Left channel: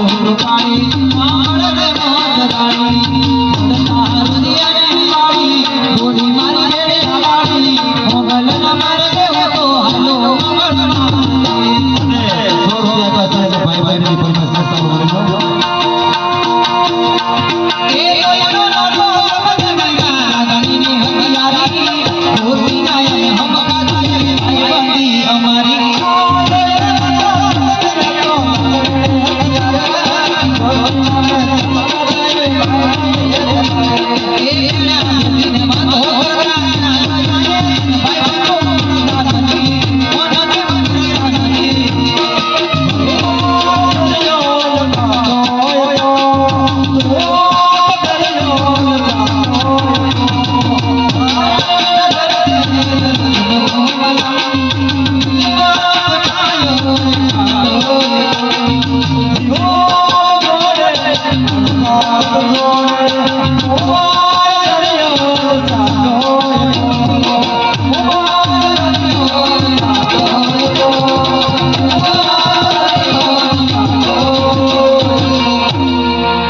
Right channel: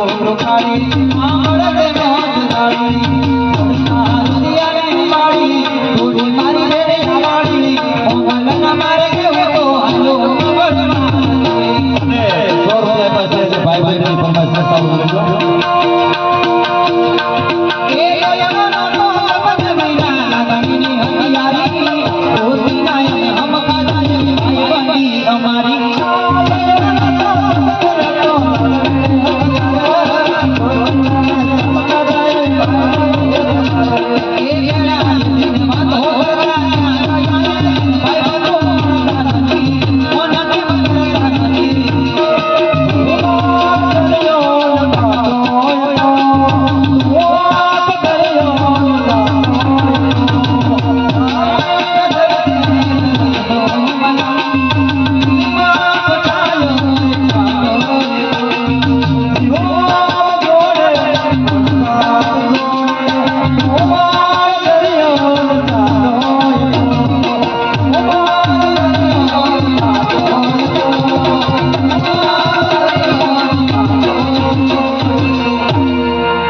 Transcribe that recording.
قوم روانی مارے موہ دانی نادیاں ني واري